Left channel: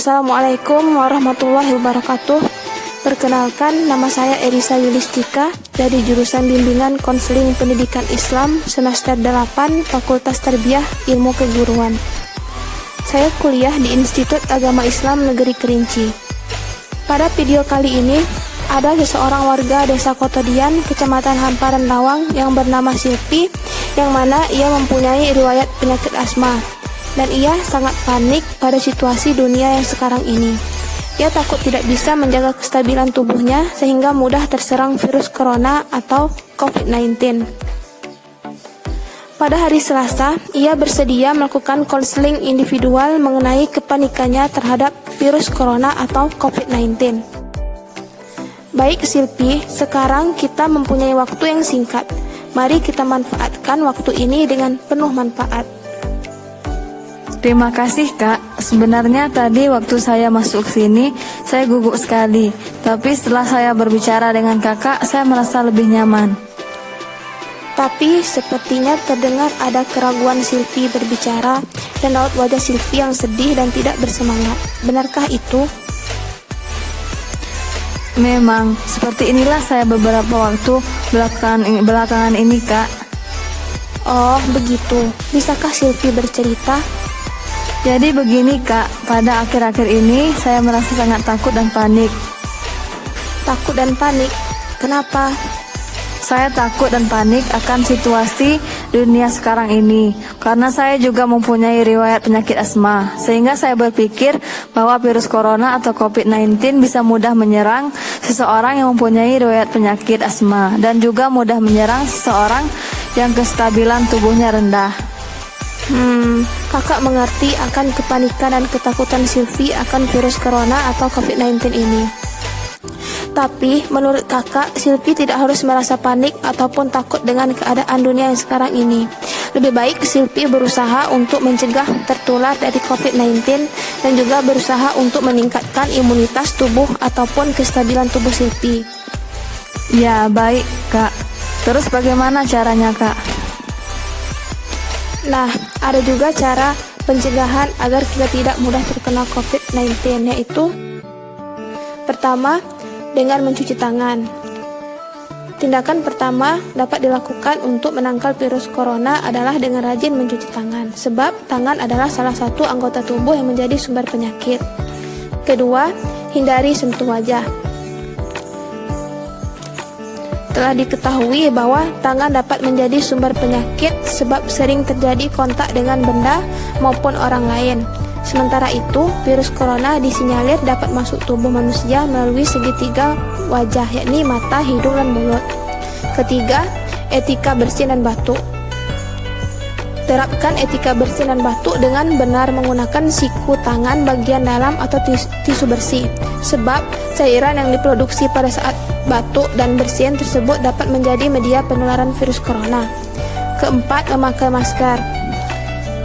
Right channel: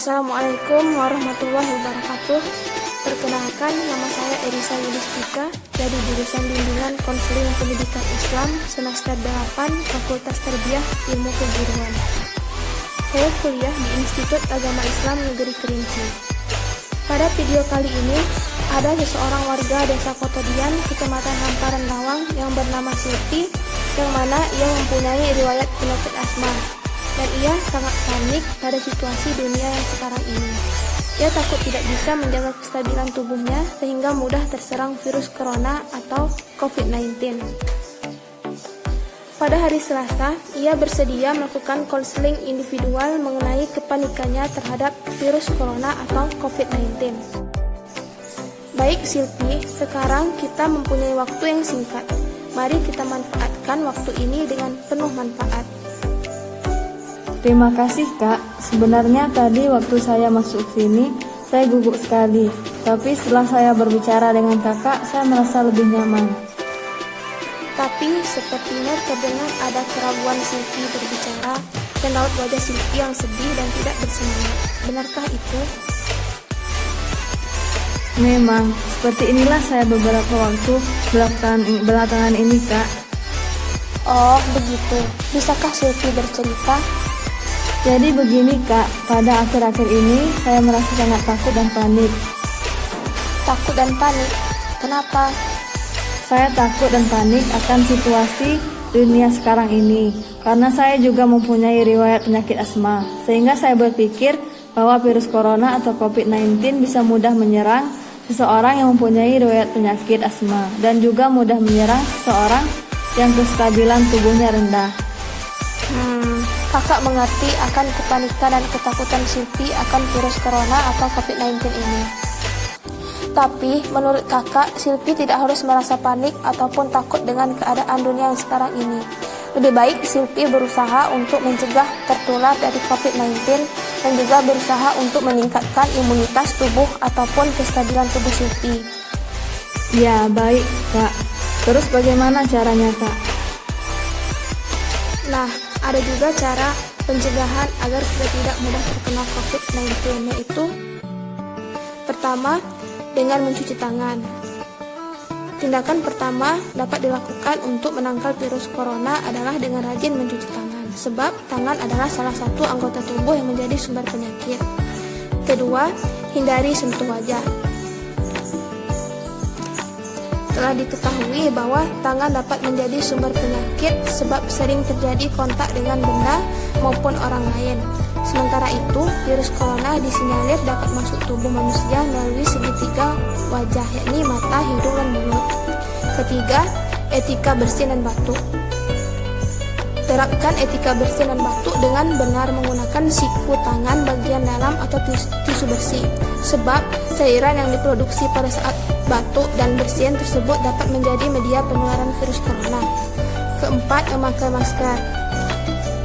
Assalamualaikum warahmatullahi wabarakatuh. Perkenalkan, nama saya Erisa Yulistika dari jurusan Bimbingan Konseling Pendidikan Islam semester 8 Fakultas Tarbiyah Ilmu Keguruan. Saya kuliah di Institut Agama Islam Negeri Kerinci. Pada video kali ini, ada seseorang warga Desa Kotodian, Kecamatan Hamparan Lawang yang bernama Silpi, yang mana ia mempunyai riwayat penyakit asma. Dan ia sangat panik pada situasi dunia yang sekarang ini. Ia takut tidak bisa menjaga kestabilan tubuhnya sehingga mudah terserang virus corona atau COVID-19. Pada hari Selasa, ia bersedia melakukan konseling individual mengenai kepanikannya terhadap virus corona atau COVID-19. Baik Silpi, sekarang kita mempunyai waktu yang singkat. Mari kita manfaatkan waktu ini dengan penuh manfaat. Terima kasih Kak, sebenarnya tadi waktu saya masuk sini, saya gugup sekali. Tapi setelah saya berbicara dengan kakak, saya merasa lebih nyaman. Tapi sepertinya terdengar ada keraguan Silpi berbicara dan raut wajah Silpi yang sedih dan tidak bersemangat. Benarkah itu? Memang, seperti inilah saya beberapa waktu belakangan ini Kak. Oh, begitu. Bisakah Silpi bercerita? Jadi begini Kak, pada akhir-akhir ini saya merasa sangat takut dan panik. Takut dan panik? Kenapa? Saya takut dan panik akan situasi dunia sekarang ini, karena saya juga mempunyai riwayat penyakit asma, sehingga saya berpikir bahwa virus corona atau COVID-19 bisa mudah menyerang seseorang yang mempunyai riwayat penyakit asma, dan juga mudah menyerang seseorang yang kestabilan tubuhnya rendah. Kakak mengerti akan kepanikan dan ketakutan Silvi akan virus corona atau COVID-19 ini. Tapi, menurut kakak, Silvi tidak harus merasa panik ataupun takut dengan keadaan dunia yang sekarang ini. Lebih baik Silvi berusaha untuk mencegah tertular dari COVID-19 dan juga berusaha untuk meningkatkan imunitas tubuh ataupun kestabilan tubuh Silvi. Ya, baik Kak. Terus bagaimana caranya Kak? Nah, ada juga cara pencegahan agar kita tidak mudah terkena COVID-19, yaitu pertama, dengan mencuci tangan. Tindakan pertama dapat dilakukan untuk menangkal virus corona adalah dengan rajin mencuci tangan, sebab tangan adalah salah satu anggota tubuh yang menjadi sumber penyakit. Kedua, hindari sentuh wajah. Telah diketahui bahwa tangan dapat menjadi sumber penyakit sebab sering terjadi kontak dengan benda maupun orang lain. Sementara itu, virus corona disinyalir dapat masuk tubuh manusia melalui segitiga wajah, yakni mata, hidung, dan mulut. Ketiga, etika bersih dan batuk. Terapkan etika bersih dan batuk dengan benar menggunakan siku tangan bagian dalam atau tisu bersih, sebab cairan yang diproduksi pada saat batuk dan bersin tersebut dapat menjadi media penularan virus corona. Keempat, memakai masker.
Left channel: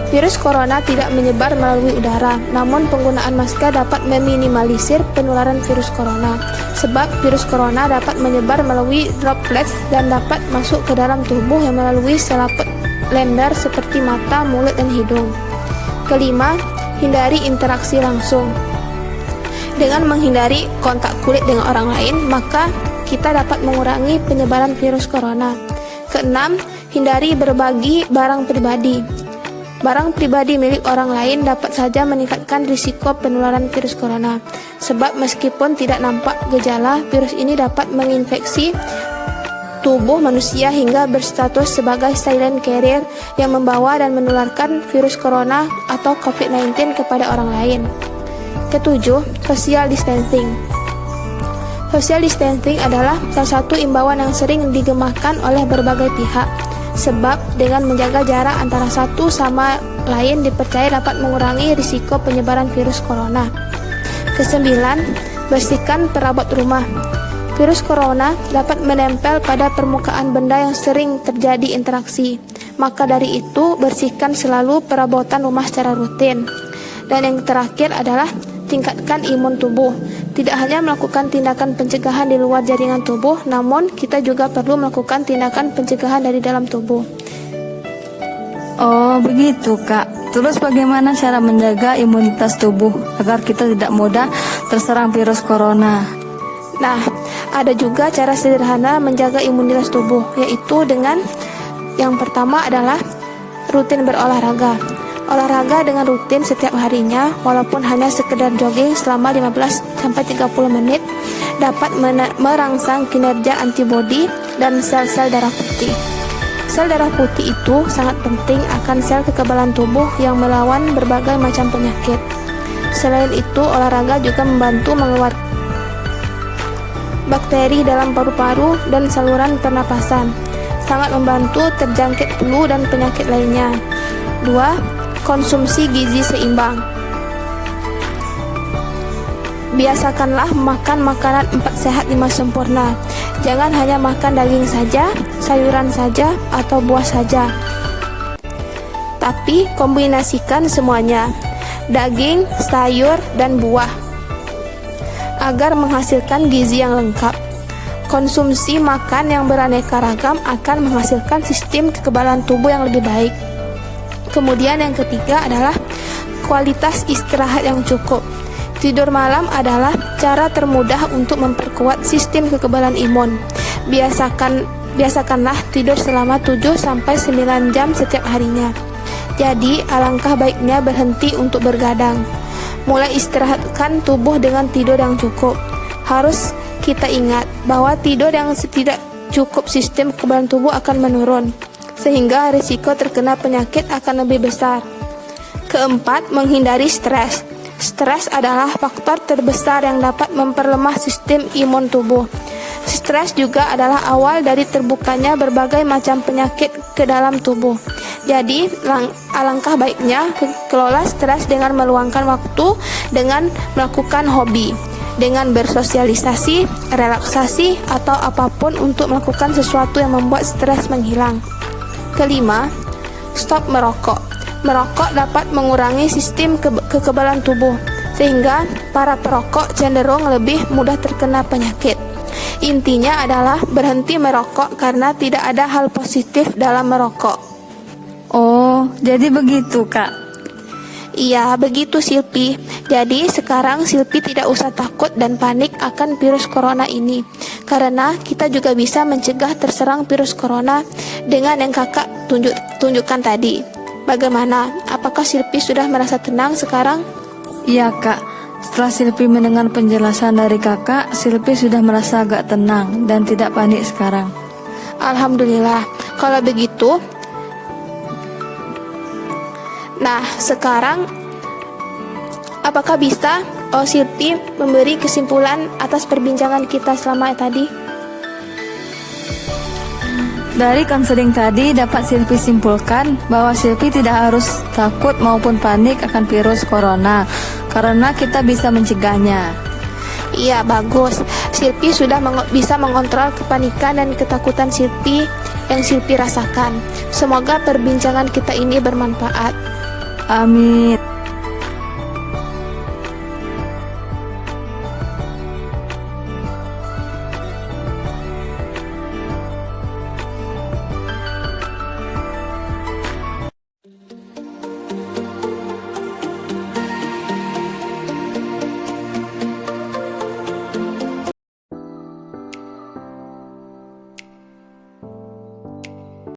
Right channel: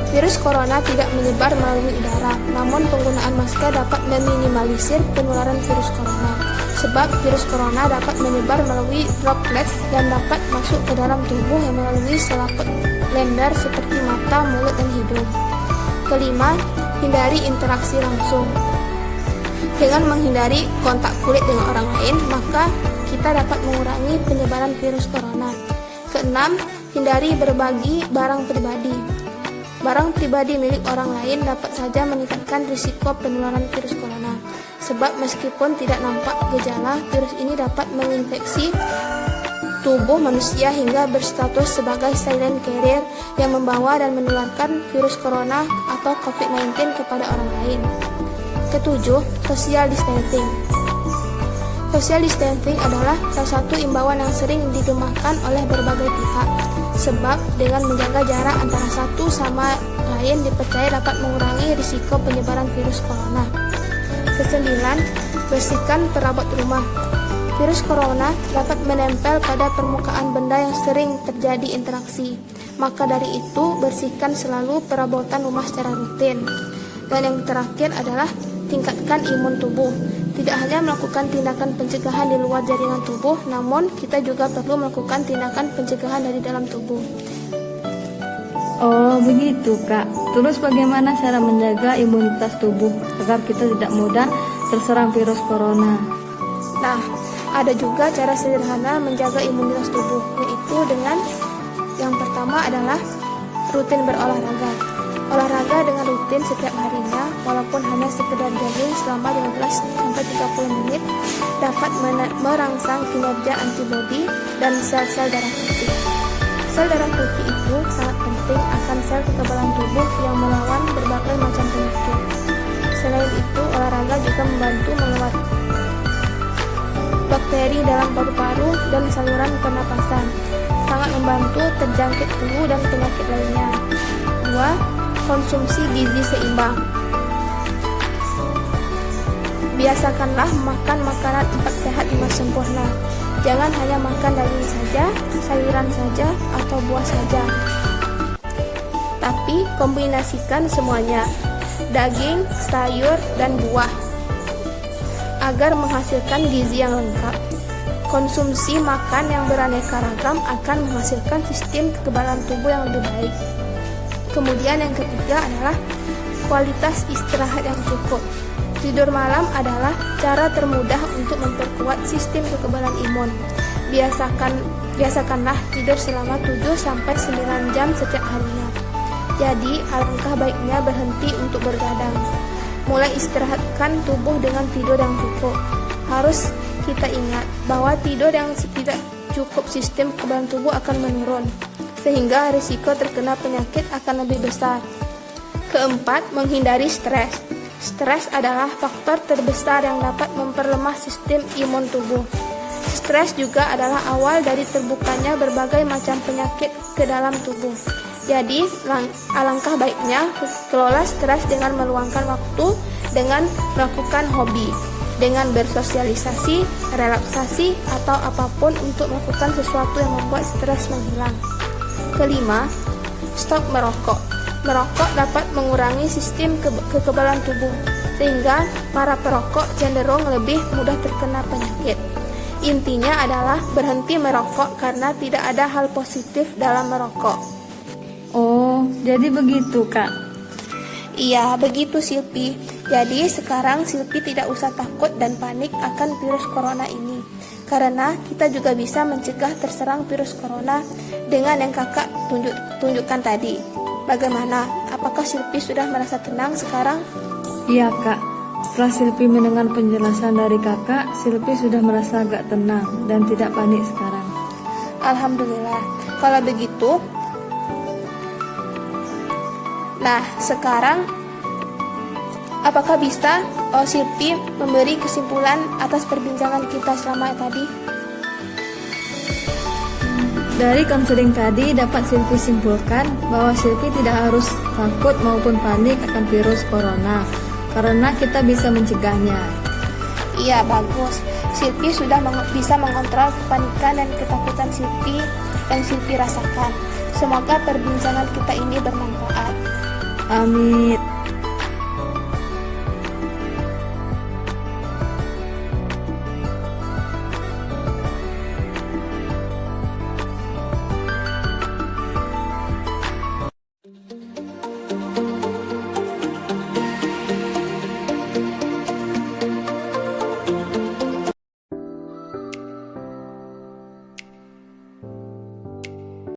Virus corona tidak menyebar melalui udara, namun penggunaan masker dapat meminimalisir penularan virus corona, sebab virus corona dapat menyebar melalui droplets dan dapat masuk ke dalam tubuh yang melalui selaput lembar seperti mata, mulut, dan hidung. Kelima, hindari interaksi langsung. Dengan menghindari kontak kulit dengan orang lain, maka kita dapat mengurangi penyebaran virus corona. Keenam, hindari berbagi barang pribadi. Barang pribadi milik orang lain dapat saja meningkatkan risiko penularan virus corona, sebab meskipun tidak nampak gejala, virus ini dapat menginfeksi tubuh manusia hingga berstatus sebagai silent carrier yang membawa dan menularkan virus corona atau COVID-19 kepada orang lain. Ketujuh, social distancing. Social distancing adalah salah satu imbauan yang sering digemahkan oleh berbagai pihak, sebab dengan menjaga jarak antara satu sama lain dipercaya dapat mengurangi risiko penyebaran virus corona. Kesembilan, bersihkan perabot rumah. Virus corona dapat menempel pada permukaan benda yang sering terjadi interaksi. Maka dari itu, bersihkan selalu perabotan rumah secara rutin. Dan yang terakhir adalah tingkatkan imun tubuh. Tidak hanya melakukan tindakan pencegahan di luar jaringan tubuh, namun kita juga perlu melakukan tindakan pencegahan dari dalam tubuh. Oh, begitu Kak. Terus bagaimana cara menjaga imunitas tubuh agar kita tidak mudah terserang virus corona? Nah, ada juga cara sederhana menjaga imunitas tubuh, yaitu dengan yang pertama adalah rutin berolahraga. Olahraga dengan rutin setiap harinya, walaupun hanya sekedar jogging selama 15-30 menit, dapat merangsang kinerja antibodi dan sel-sel darah putih. Sel darah putih itu sangat penting akan sel kekebalan tubuh yang melawan berbagai macam penyakit. Selain itu, olahraga juga membantu mengeluarkan bakteri dalam paru-paru dan saluran pernapasan, sangat membantu terjangkit flu dan penyakit lainnya. 2. Konsumsi gizi seimbang. Biasakanlah makan makanan 4 sehat 5 sempurna. Jangan hanya makan daging saja, sayuran saja, atau buah saja. Tapi kombinasikan semuanya, daging, sayur, dan buah, agar menghasilkan gizi yang lengkap. Konsumsi makan yang beraneka ragam akan menghasilkan sistem kekebalan tubuh yang lebih baik. Kemudian yang ketiga adalah kualitas istirahat yang cukup. Tidur malam adalah cara termudah untuk memperkuat sistem kekebalan imun. Biasakanlah tidur selama 7-9 jam setiap harinya. Jadi, alangkah baiknya berhenti untuk bergadang. Mulai istirahatkan tubuh dengan tidur yang cukup. Harus kita ingat bahwa tidur yang tidak cukup, sistem kekebalan tubuh akan menurun, sehingga risiko terkena penyakit akan lebih besar. Keempat, menghindari stres. Stres adalah faktor terbesar yang dapat memperlemah sistem imun tubuh. Stres juga adalah awal dari terbukanya berbagai macam penyakit ke dalam tubuh. Jadi, alangkah baiknya kelola stres dengan meluangkan waktu dengan melakukan hobi, dengan bersosialisasi, relaksasi, atau apapun untuk melakukan sesuatu yang membuat stres menghilang. Kelima, stop merokok. Merokok dapat mengurangi sistem kekebalan tubuh, sehingga para perokok cenderung lebih mudah terkena penyakit. Intinya adalah berhenti merokok karena tidak ada hal positif dalam merokok. Oh, jadi begitu Kak. Iya, begitu Silpi. Jadi sekarang Silpi tidak usah takut dan panik akan virus corona ini, karena kita juga bisa mencegah terserang virus corona dengan yang kakak tunjukkan tadi. Bagaimana? Apakah Silpi sudah merasa tenang sekarang? Iya Kak, setelah Silpi mendengar penjelasan dari kakak, Silpi sudah merasa agak tenang dan tidak panik sekarang. Alhamdulillah. Kalau begitu, nah, sekarang apakah bisa Silpi memberi kesimpulan atas perbincangan kita selama tadi? Dari konseling tadi dapat Silpi simpulkan bahwa Silpi tidak harus takut maupun panik akan virus corona, karena kita bisa mencegahnya. Iya, bagus. Silpi sudah bisa mengontrol kepanikan dan ketakutan Silpi yang Silpi rasakan. Semoga perbincangan kita ini bermanfaat. Amin.